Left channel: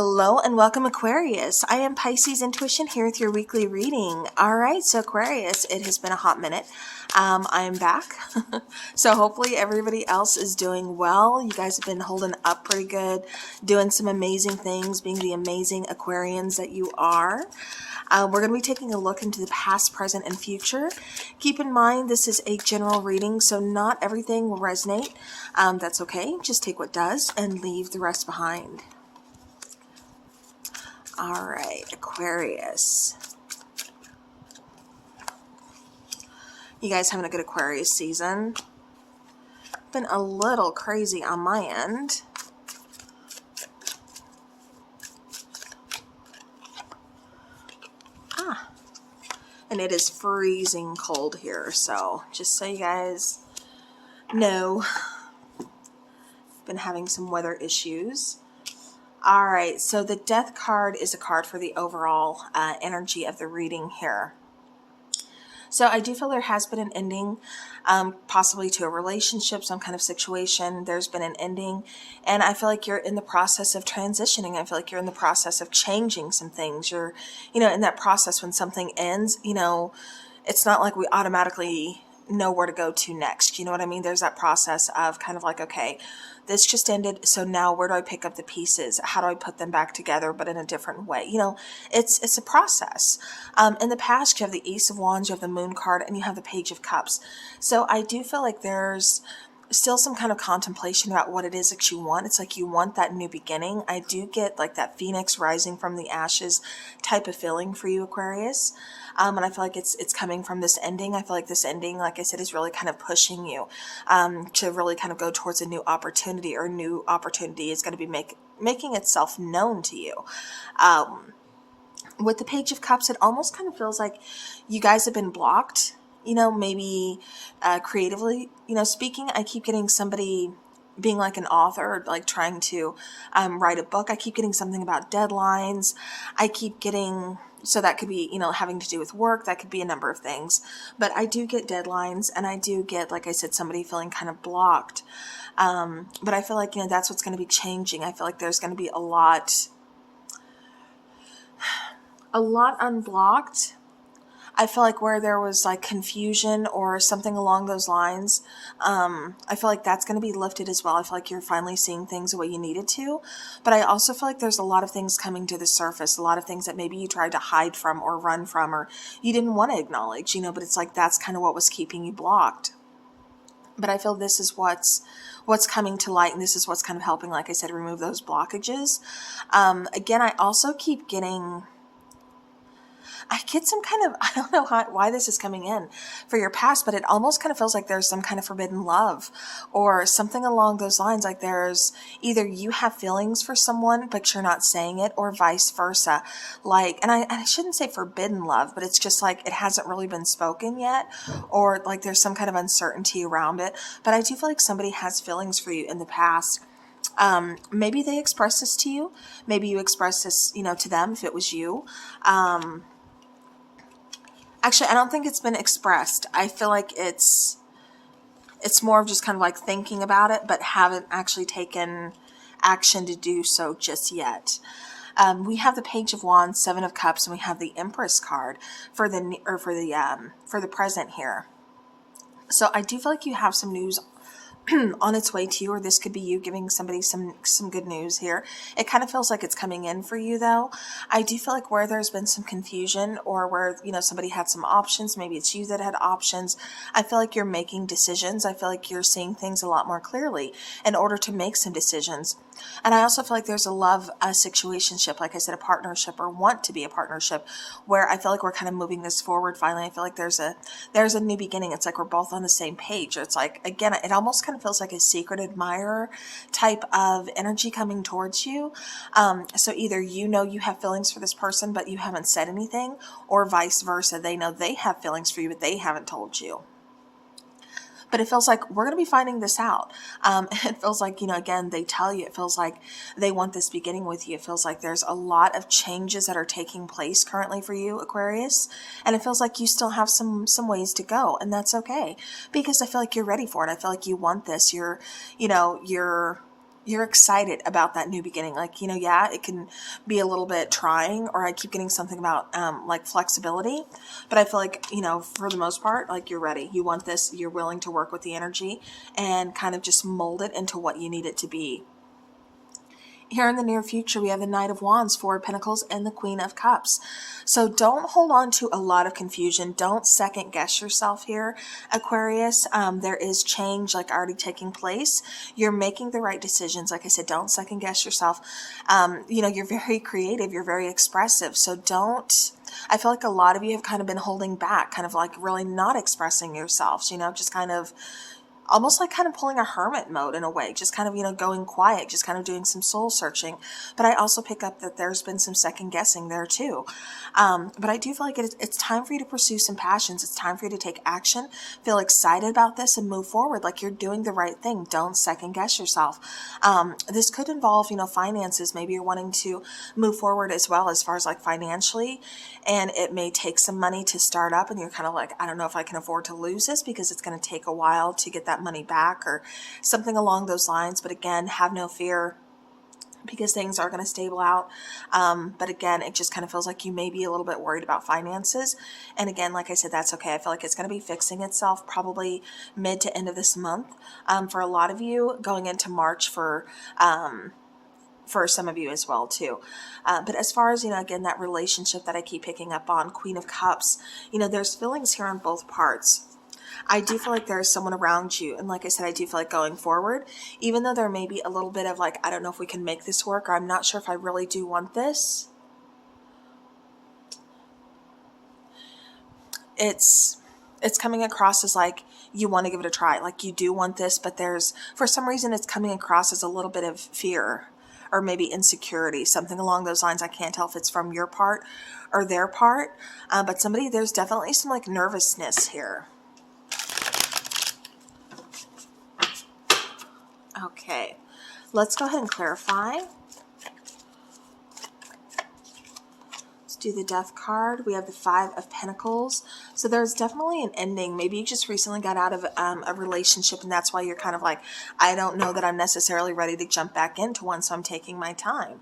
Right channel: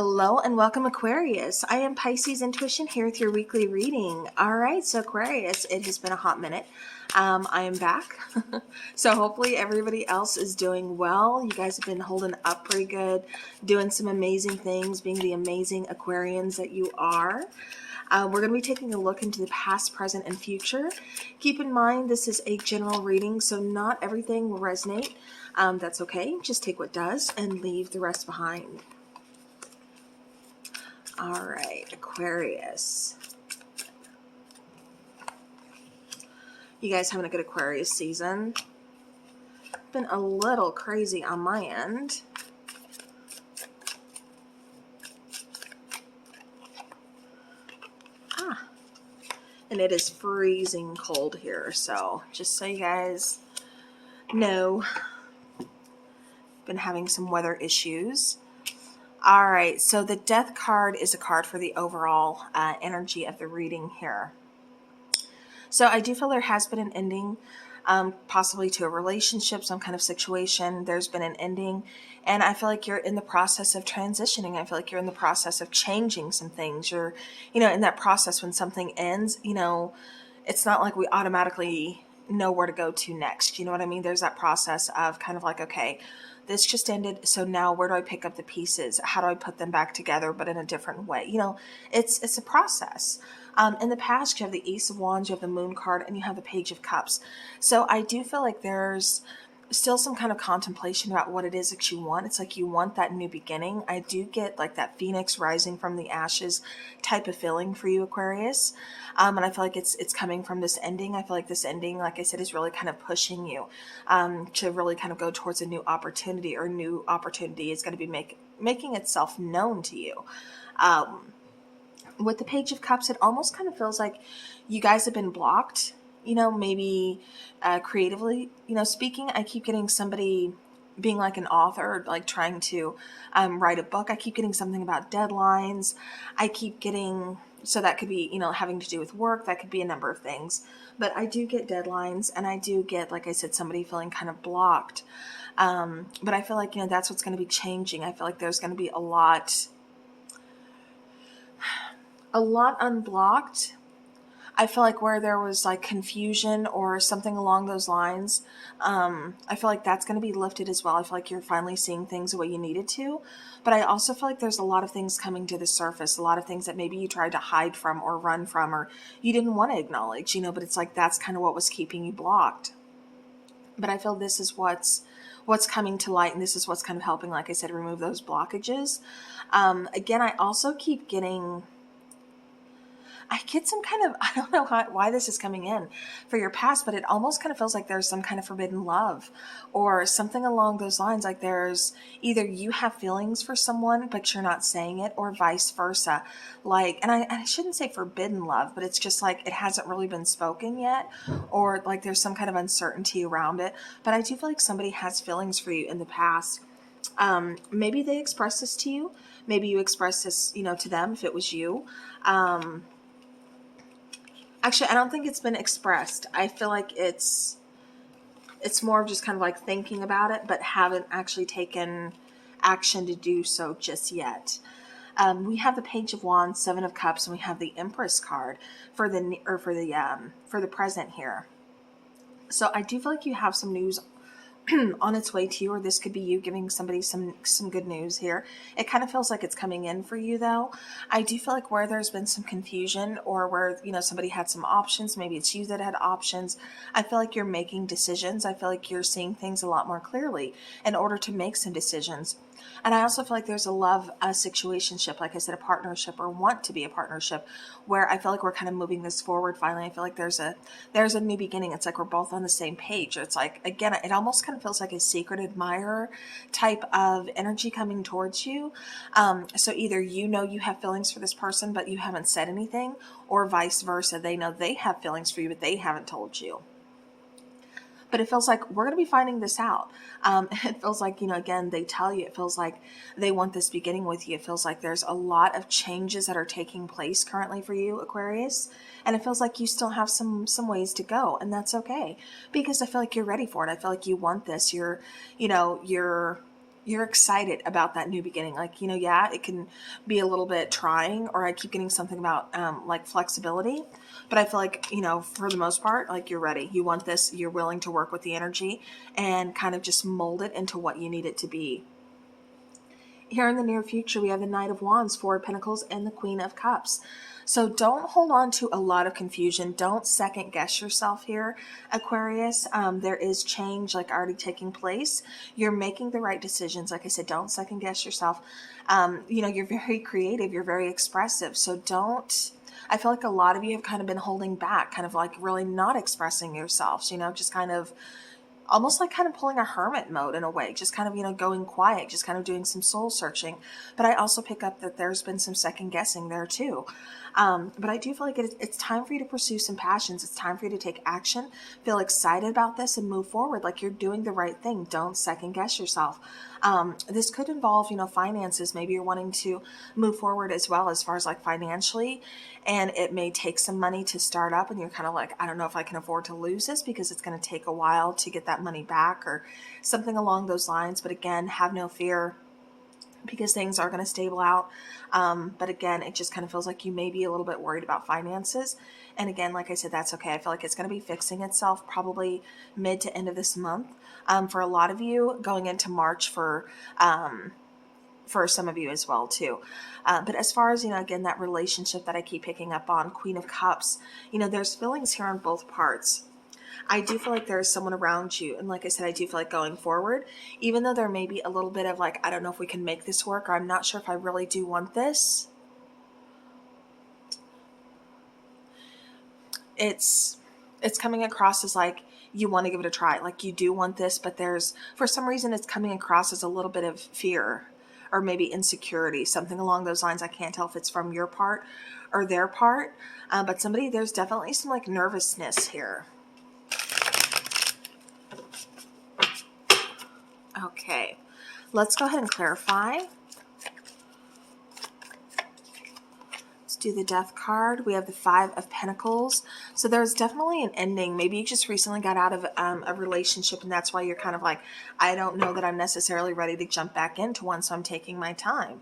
Hello and welcome, Aquarius. I am Pisces Intuition here with your weekly reading. All right, so Aquarius, it has been a hot minute. I am back. So hopefully everybody else is doing well. You guys have been holding up pretty good, doing some amazing things, being the amazing Aquarians that you are. We're going to be taking a look into the past, present, and future. Keep in mind, this is a general reading, so not everything will resonate. That's okay. Just take what does and leave the rest behind. All right, Aquarius. You guys having a good Aquarius season? Been a little crazy on my end. And it is freezing cold here, so just so you guys know, been having some weather issues. All right, so the Death card is a card for the overall energy of the reading here. So I do feel there has been an ending, possibly to a relationship, some kind of situation. There's been an ending, and I feel like you're in the process of transitioning. I feel like you're in the process of changing some things. You're, in that process when something ends, it's not like we automatically know where to go to next. You know what I mean? There's that process of kind of like, okay, this just ended, so now where do I pick up the pieces? How do I put them back together, but in a different way? It's a process. In the past, you have the Ace of Wands, you have the Moon card, and you have the Page of Cups. So I do feel like there's still some kind of contemplation about what it is that you want. It's like you want that new beginning. I do get like that phoenix rising from the ashes type of feeling for you, Aquarius. And I feel like it's coming from this ending. I feel like this ending, like I said, is really kind of pushing you to really kind of go towards a new opportunity, or a new opportunity is going to be making itself known to you. With the Page of Cups, it almost kind of feels like you guys have been blocked, maybe creatively, speaking. I keep getting somebody being like an author, like trying to write a book. I keep getting something about deadlines. I keep getting, so that could be, having to do with work. That could be a number of things. But I do get deadlines, and I do get, like I said, somebody feeling kind of blocked. But I feel like, that's what's going to be changing. I feel like there's going to be a lot unblocked. I feel like where there was like confusion or something along those lines, I feel like that's going to be lifted as well. I feel like you're finally seeing things the way you needed to. But I also feel like there's a lot of things coming to the surface, a lot of things that maybe you tried to hide from or run from, or you didn't want to acknowledge, but it's like that's kind of what was keeping you blocked. But I feel this is what's coming to light, and this is what's kind of helping, like I said, remove those blockages. Again, I also keep getting... I get some kind of, I don't know why this is coming in for your past, but it almost kind of feels like there's some kind of forbidden love or something along those lines. Like there's either you have feelings for someone, but you're not saying it, or vice versa. Like, and I shouldn't say forbidden love, but it's just like it hasn't really been spoken yet, or like there's some kind of uncertainty around it. But I do feel like somebody has feelings for you in the past. Maybe they expressed this to you. Maybe you expressed this, to them if it was you. Actually, I don't think it's been expressed. I feel like it's more of just kind of like thinking about it, but haven't actually taken action to do so just yet. We have the Page of Wands, Seven of Cups, and we have the Empress card for the present here. So I do feel like you have some news on its way to you, or this could be you giving somebody some good news here. It kind of feels like it's coming in for you, though. I do feel like where there's been some confusion, or where somebody had some options, maybe it's you that had options, I feel like you're making decisions. I feel like you're seeing things a lot more clearly in order to make some decisions. And I also feel like there's a love situationship, like I said, a partnership, or want to be a partnership, where I feel like we're kind of moving this forward finally. I feel like there's a new beginning. It's like we're both on the same page. It's like, again, it almost kind of feels like a secret admirer type of energy coming towards you. So either you have feelings for this person, but you haven't said anything, or vice versa. They know they have feelings for you, but they haven't told you. But it feels like we're going to be finding this out. It feels like, again, they tell you, it feels like they want this beginning with you. It feels like there's a lot of changes that are taking place currently for you, Aquarius. And it feels like you still have some ways to go. And that's okay, because I feel like you're ready for it. I feel like you want this. You're you're excited about that new beginning. Like, you know, yeah, it can be a little bit trying, or I keep getting something about, like flexibility, but I feel like, you know, for the most part, like you're ready. You want this, you're willing to work with the energy and kind of just mold it into what you need it to be. Here in the near future, we have the Knight of Wands, Four of Pentacles, and the Queen of Cups. So don't hold on to a lot of confusion. Don't second guess yourself here, Aquarius. There is change like already taking place. You're making the right decisions. Like I said, don't second guess yourself. You know, you're very creative. You're very expressive. So don't, I feel like a lot of you have kind of been holding back, kind of like really not expressing yourselves, you know, just kind of almost like kind of pulling a hermit mode in a way, just kind of, you know, going quiet, just kind of doing some soul searching. But I also pick up that there's been some second guessing there too. But I do feel like it's time for you to pursue some passions. It's time for you to take action, feel excited about this, and move forward like you're doing the right thing. Don't second guess yourself. This could involve, you know, finances. Maybe you're wanting to move forward as well as far as like financially, and it may take some money to start up, and you're kind of like, I don't know if I can afford to lose this because it's going to take a while to get that money back or something along those lines. But again, have no fear, because things are going to stable out. But again, it just kind of feels like you may be a little bit worried about finances. And again, like I said, that's okay. I feel like it's going to be fixing itself probably mid to end of this month. For a lot of you, going into March for some of you as well too. But as far as, you know, again, that relationship that I keep picking up on, Queen of Cups, you know, there's feelings here on both parts. I do feel like there's someone around you. And like I said, I do feel like going forward, even though there may be a little bit of like, I don't know if we can make this work, or I'm not sure if I really do want this. It's coming across as like, you want to give it a try. Like you do want this, but there's, for some reason, it's coming across as a little bit of fear or maybe insecurity, something along those lines. I can't tell if it's from your part or their part, but there's definitely some like nervousness here. Okay, let's go ahead and clarify. Let's do the Death card. We have the Five of Pentacles. So there's definitely an ending. Maybe you just recently got out of a relationship, and that's why you're kind of like, I don't know that I'm necessarily ready to jump back into one, so I'm taking my time.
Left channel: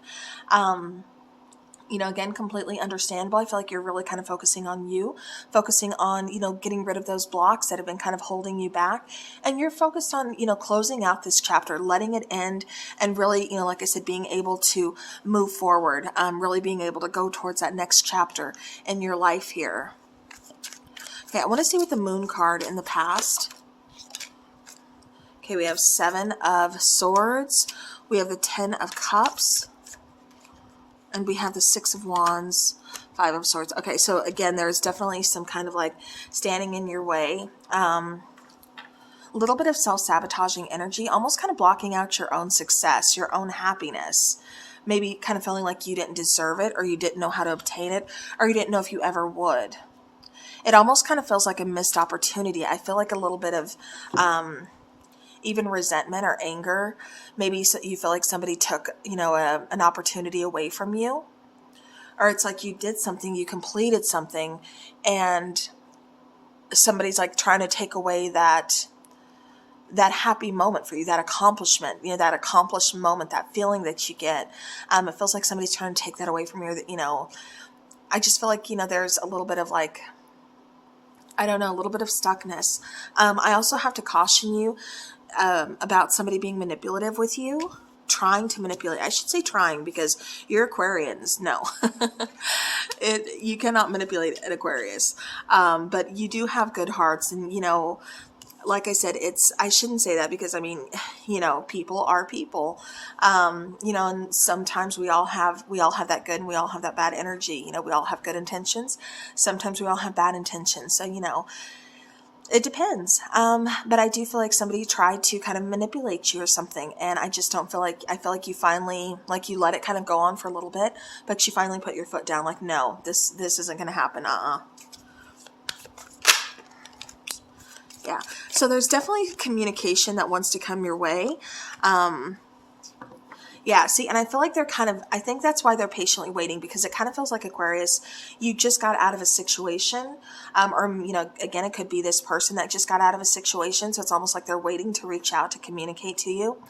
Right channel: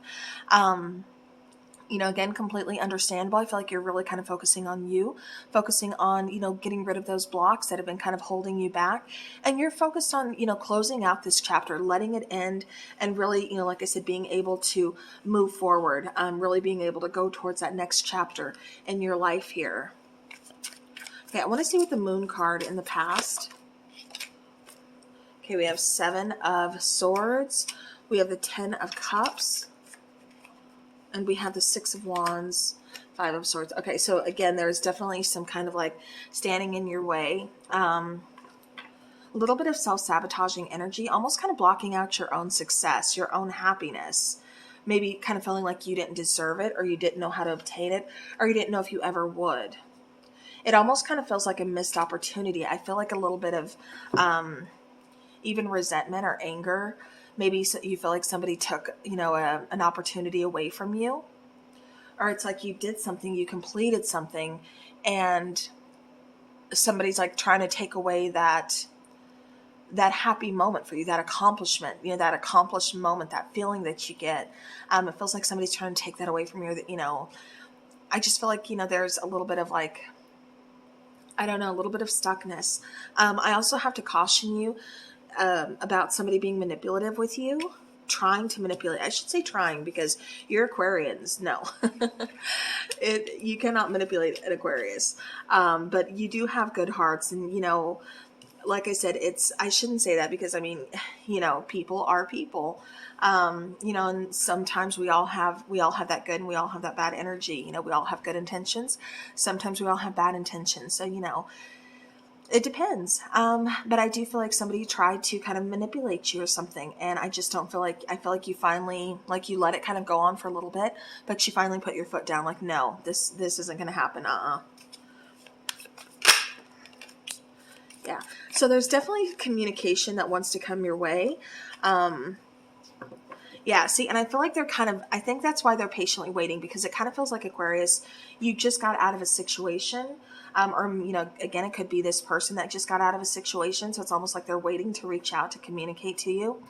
You know, again, completely understandable. I feel like you're really kind of focusing on you, focusing on, you know, getting rid of those blocks that have been kind of holding you back. And you're focused on, you know, closing out this chapter, letting it end, and really, you know, like I said, being able to move forward, really being able to go towards that next chapter in your life here. Okay, I want to see what the Moon card in the past. Okay, we have Seven of Swords. We have the Ten of Cups. And we have the Six of Wands, Five of Swords. Okay, so again, there's definitely some kind of like standing in your way. A little bit of self-sabotaging energy, almost kind of blocking out your own success, your own happiness. Maybe kind of feeling like you didn't deserve it, or you didn't know how to obtain it, or you didn't know if you ever would. It almost kind of feels like a missed opportunity. I feel like a little bit of even resentment or anger. Maybe you feel like somebody took, you know, an opportunity away from you. Or it's like you did something, you completed something, and somebody's like trying to take away that happy moment for you, that accomplishment, you know, that accomplished moment, that feeling that you get. It feels like somebody's trying to take that away from you. That, you know, I just feel like, you know, there's a little bit of like, I don't know, a little bit of stuckness. I also have to caution you about somebody being manipulative with you, trying to manipulate. I should say trying, because you're Aquarians. No, you cannot manipulate an Aquarius. But you do have good hearts, and, you know, like I said, I shouldn't say that, because I mean, you know, people are people, you know, and sometimes we all have that good and we all have that bad energy. You know, we all have good intentions. Sometimes we all have bad intentions. So, you know, it depends. But I do feel like somebody tried to kind of manipulate you or something. And I just don't feel like, I feel like you finally, like you let it kind of go on for a little bit, but you finally put your foot down. Like, no, this isn't going to happen. Yeah. So there's definitely communication that wants to come your way. Yeah, see, and I feel like I think that's why they're patiently waiting, because it kind of feels like, Aquarius, you just got out of a situation, or, you know, again, it could be this person that just got out of a situation, so it's almost like they're waiting to reach out to communicate to you.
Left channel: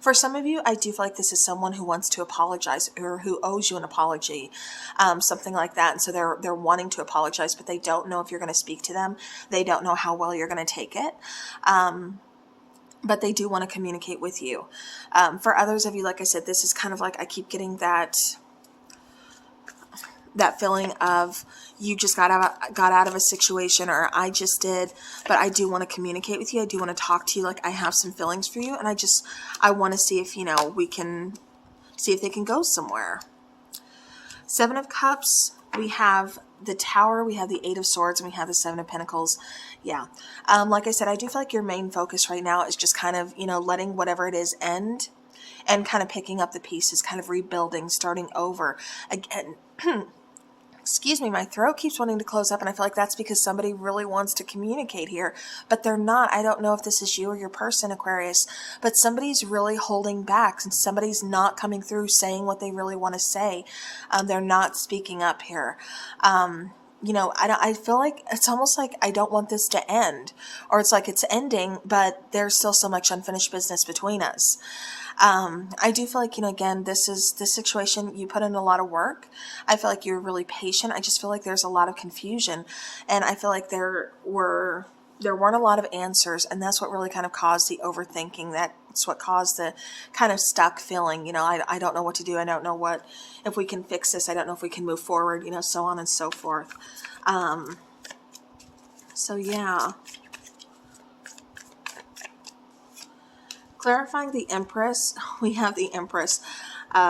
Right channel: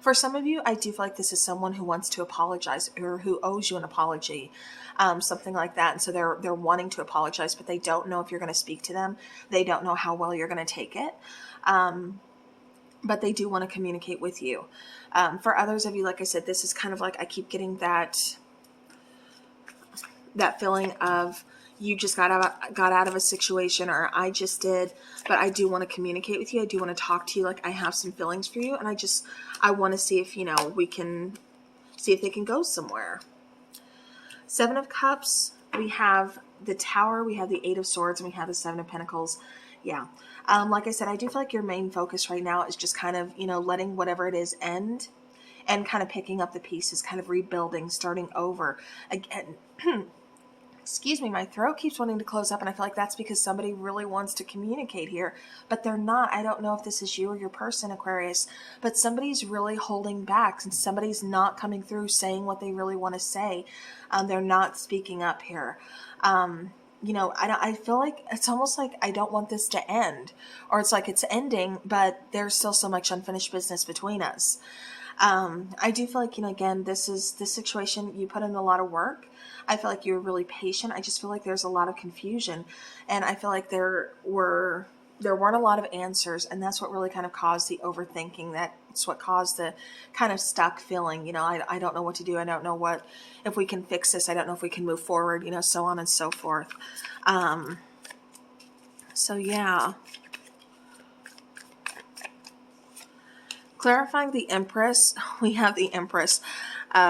For some of you, I do feel like this is someone who wants to apologize or who owes you an apology, something like that. And so they're wanting to apologize, but they don't know if you're going to speak to them. They don't know how well you're going to take it. But they do want to communicate with you. For others of you, like I said, this is kind of like, I keep getting that feeling of you just got out of a situation, or I just did, but I do want to communicate with you. I do want to talk to you. Like, I have some feelings for you, and I want to see if, we can see if they can go somewhere. Seven of Cups, we have the Tower, we have the Eight of Swords, and we have the Seven of Pentacles. Yeah. Like I said, I do feel like your main focus right now is just kind of, letting whatever it is end and kind of picking up the pieces, kind of rebuilding, starting over again. Excuse me, my throat keeps wanting to close up, and I feel like that's because somebody really wants to communicate here, but they're not. I don't know if this is you or your person, Aquarius, but somebody's really holding back, and somebody's not coming through saying what they really want to say. They're not speaking up here. I feel like it's almost like I don't want this to end, or it's like it's ending, but there's still so much unfinished business between us. I do feel like, again, this situation, you put in a lot of work. I feel like you're really patient. I just feel like there's a lot of confusion, and I feel like there weren't a lot of answers, and that's what really kind of caused the overthinking. That's what caused the kind of stuck feeling. I don't know what to do. I don't know if we can fix this. I don't know if we can move forward, so on and so forth. So yeah. Clarifying the Empress, we have the Empress.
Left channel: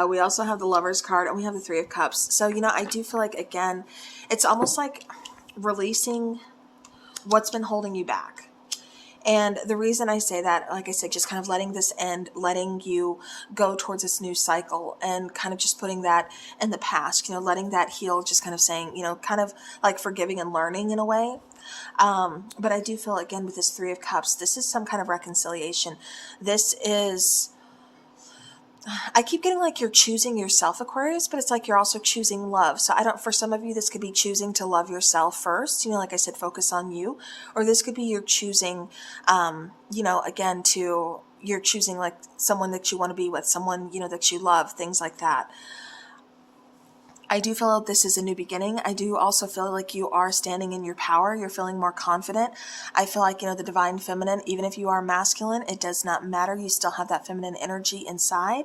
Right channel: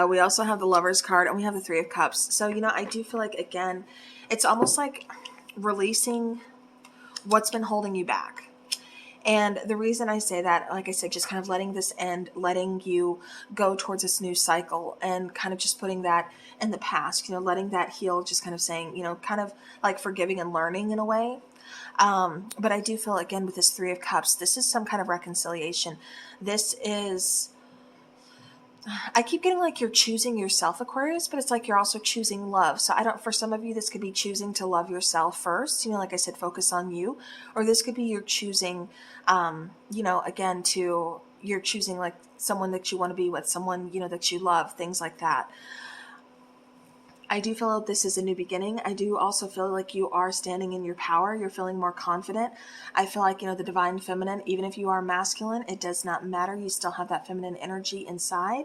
We also have the Lover's card, and we have the Three of Cups. So, I do feel like, again, it's almost like releasing what's been holding you back. And the reason I say that, like I said, just kind of letting this end, letting you go towards this new cycle, and kind of just putting that in the past, letting that heal, just kind of saying, kind of like forgiving and learning in a way. But I do feel, again, with this Three of Cups, this is some kind of reconciliation. This is, I keep getting like you're choosing yourself, Aquarius, but it's like you're also choosing love. So for some of you, this could be choosing to love yourself first, like I said, focus on you. Or this could be you're choosing, again, you're choosing like someone that you want to be with, someone, that you love, things like that. I do feel like this is a new beginning. I do also feel like you are standing in your power. You're feeling more confident. I feel like, the divine feminine, even if you are masculine, it does not matter. You still have that feminine energy inside.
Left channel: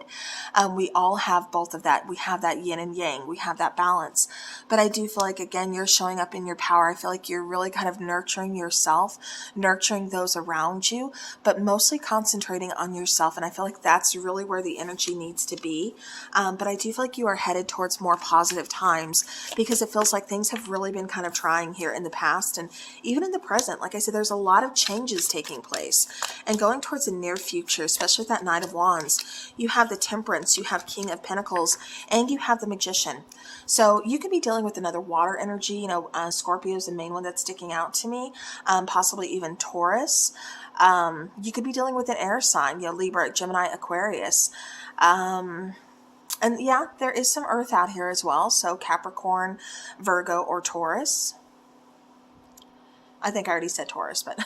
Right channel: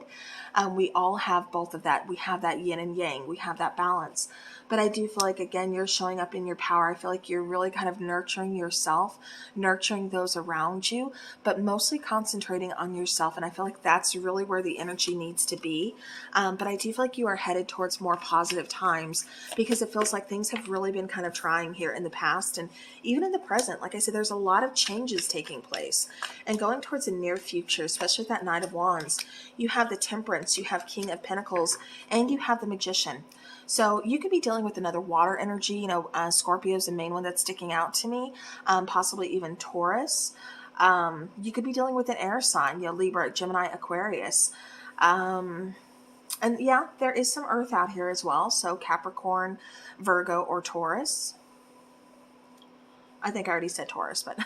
We all have both of that. We have that yin and yang. We have that balance. But I do feel like, again, you're showing up in your power. I feel like you're really kind of nurturing yourself, nurturing those around you, but mostly concentrating on yourself. And I feel like that's really where the energy needs to be. But I do feel like you are headed towards more positive times, because it feels like things have really been kind of trying here in the past, and even in the present. Like I said, there's a lot of changes taking place, and going towards the near future, especially with that Knight of Wands, you have the Temperance, you have King of Pentacles, and you have the Magician. So you could be dealing with another water energy. Scorpio is the main one that's sticking out to me, possibly even Taurus. You could be dealing with an air sign, Libra, Gemini, Aquarius. And yeah, there is some earth out here as well. So Capricorn, Virgo, or Taurus. I think I already said Taurus, but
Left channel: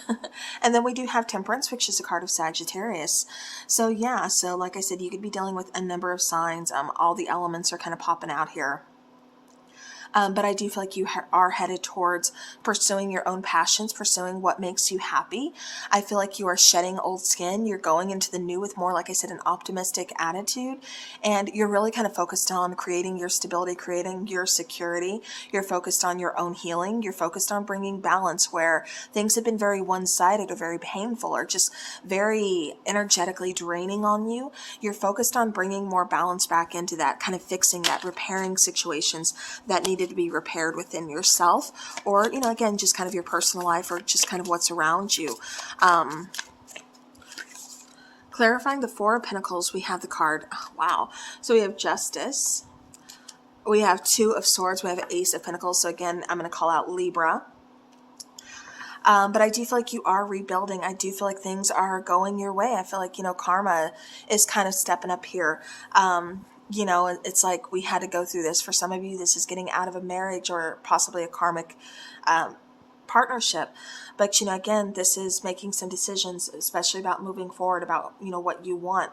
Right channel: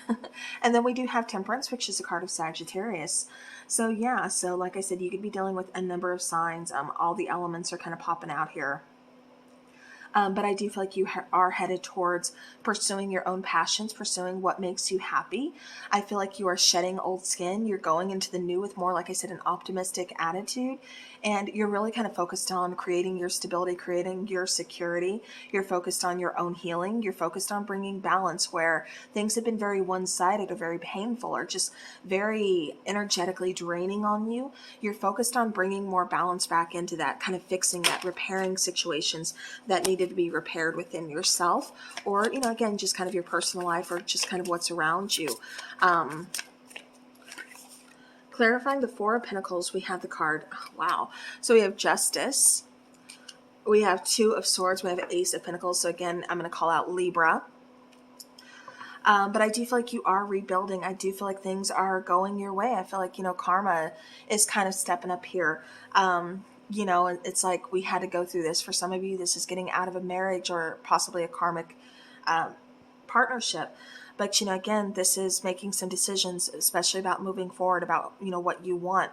and then we do have Temperance, which is a card of Sagittarius. So yeah, so like I said, you could be dealing with a number of signs. All the elements are kind of popping out here. But I do feel like you are headed towards pursuing your own passions, pursuing what makes you happy. I feel like you are shedding old skin. You're going into the new with more, like I said, an optimistic attitude. And you're really kind of focused on creating your stability, creating your security. You're focused on your own healing. You're focused on bringing balance where things have been very one-sided or very painful or just very energetically draining on you. You're focused on bringing more balance back into that, kind of fixing that, repairing situations that needed to be repaired within yourself, or, again, just kind of your personal life, or just kind of what's around you. Clarifying the Four of Pentacles, we have the card, wow. So we have Justice. We have Two of Swords. We have Ace of Pentacles. So again, I'm going to call out Libra. But I do feel like you are rebuilding. I do feel like things are going your way. I feel like, karma is kind of stepping up here. It's like we had to go through this. For some of you, this is getting out of a marriage or possibly a karmic partnership. But, again, this is making some decisions, especially about moving forward, about, what you want.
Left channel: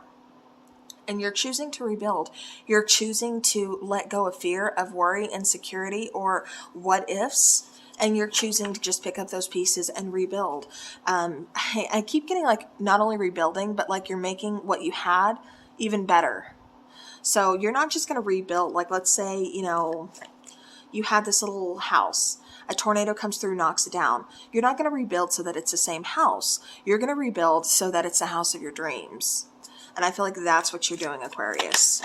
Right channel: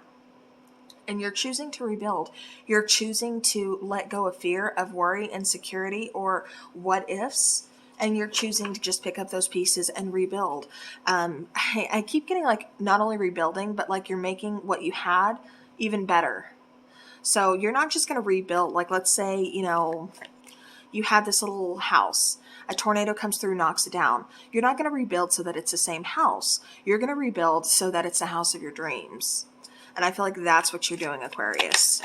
and you're choosing to rebuild. You're choosing to let go of fear, of worry, insecurity, or what ifs. And you're choosing to just pick up those pieces and rebuild. I keep getting like not only rebuilding, but like you're making what you had even better. So you're not just going to rebuild. Like, let's say, you know, you had this little house. A tornado comes through, knocks it down. You're not going to rebuild so that it's the same house. You're going to rebuild so that it's the house of your dreams. And I feel like that's what you're doing, Aquarius.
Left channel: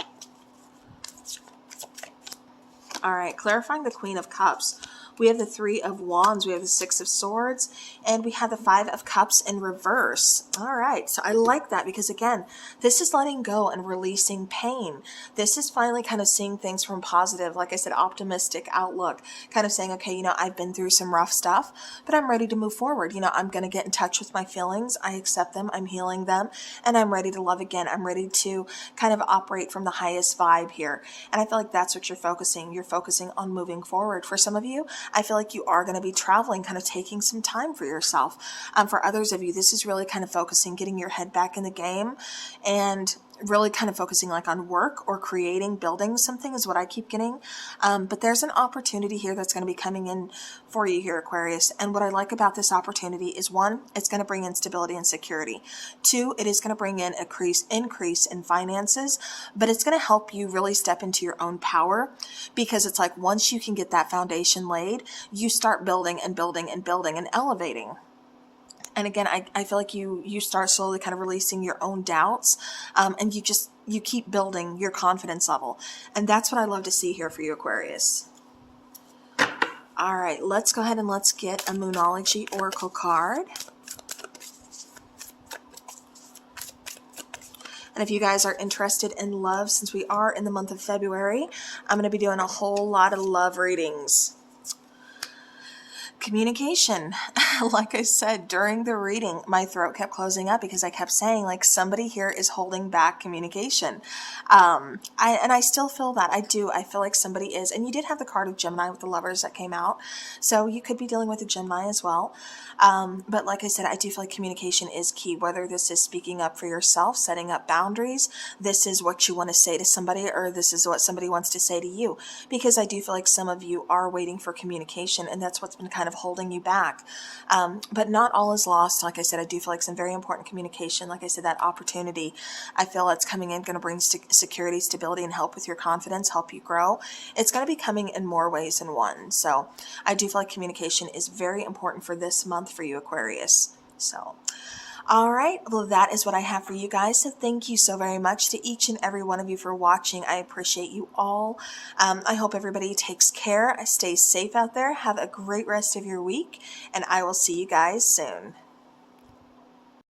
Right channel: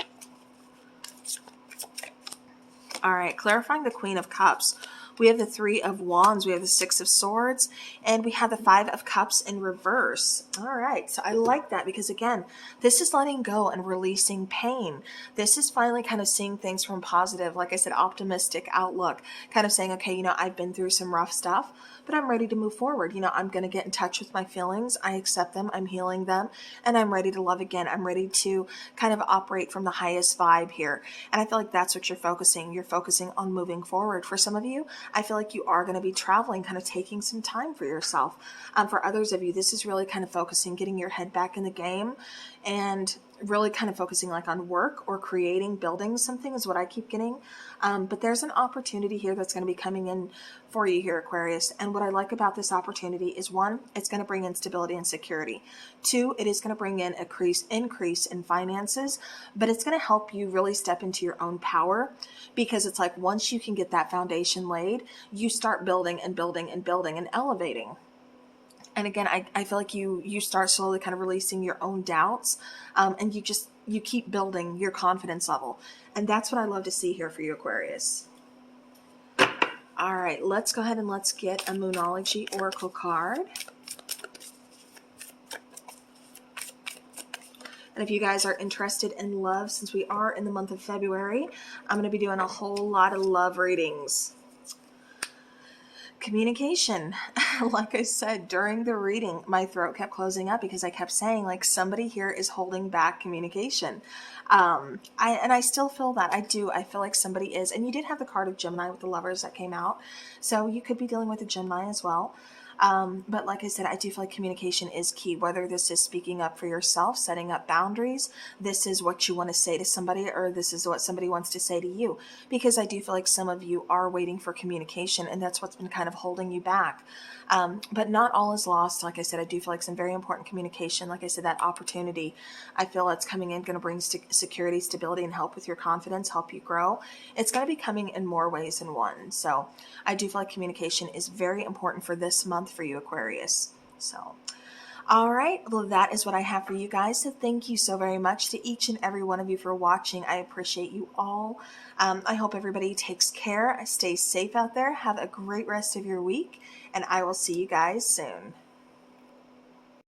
All right, clarifying the Queen of Cups. We have the Three of Wands, we have the Six of Swords, and we have the Five of Cups in reverse. All right, so I like that because, again, this is letting go and releasing pain. This is finally kind of seeing things from positive, like I said, optimistic outlook, kind of saying, okay, you know, I've been through some rough stuff, but I'm ready to move forward. You know, I'm going to get in touch with my feelings. I accept them. I'm healing them, and I'm ready to love again. I'm ready to kind of operate from the highest vibe here. And I feel like that's what you're focusing. You're focusing on moving forward. For some of you, I feel like you are going to be traveling, kind of taking some time for yourself. For others of you, this is really kind of focusing, getting your head back in the game and really kind of focusing like on work or creating, building something is what I keep getting. But there's an opportunity here that's going to be coming in for you here, Aquarius. And what I like about this opportunity is, one, it's going to bring in stability and security. Two, it is going to bring in a increase in finances, but it's going to help you really step into your own power, because it's like once you can get that foundation laid, you start building and building and building and elevating. And again, I feel like you start slowly kind of releasing your own doubts, and you keep building your confidence level. And that's what I love to see here for you, Aquarius. All right, let's go ahead and let's get a Moonology Oracle card. And if you guys are interested in love, since we are in the month of February, I'm going to be doing a whole lot of love readings. Communication. Like I said, during the reading, my throat kept closing up because I kept saying, like, somebody here is holding back communication. I still feel that. I do. I feel like somebody is. And you did have the card of Gemini with the Lovers that came out. So you could be dealing with a Gemini as well. But like I said, I do feel like communication is key, whether this is speaking up for yourself, setting up boundaries, this is what you want to say to somebody, or this is what somebody wants to say to you. Because I do feel like some of you are waiting for communication, and that's what's been kind of holding you back. But not all is lost. Like I said, I do feel like some very important communication. Like I said, that opportunity, I feel it's coming in, going to bring security, stability, and help with your confidence, help you grow. It's going to be coming in more ways than one. So I do feel like communication is very important for this month for you, Aquarius. So, all right, well, that is what I have for you guys. So thank you so very much to each and every one of you for watching. I appreciate you all. I hope everybody takes care. Stay safe out there. Have a great rest of your week, and I will see you guys soon.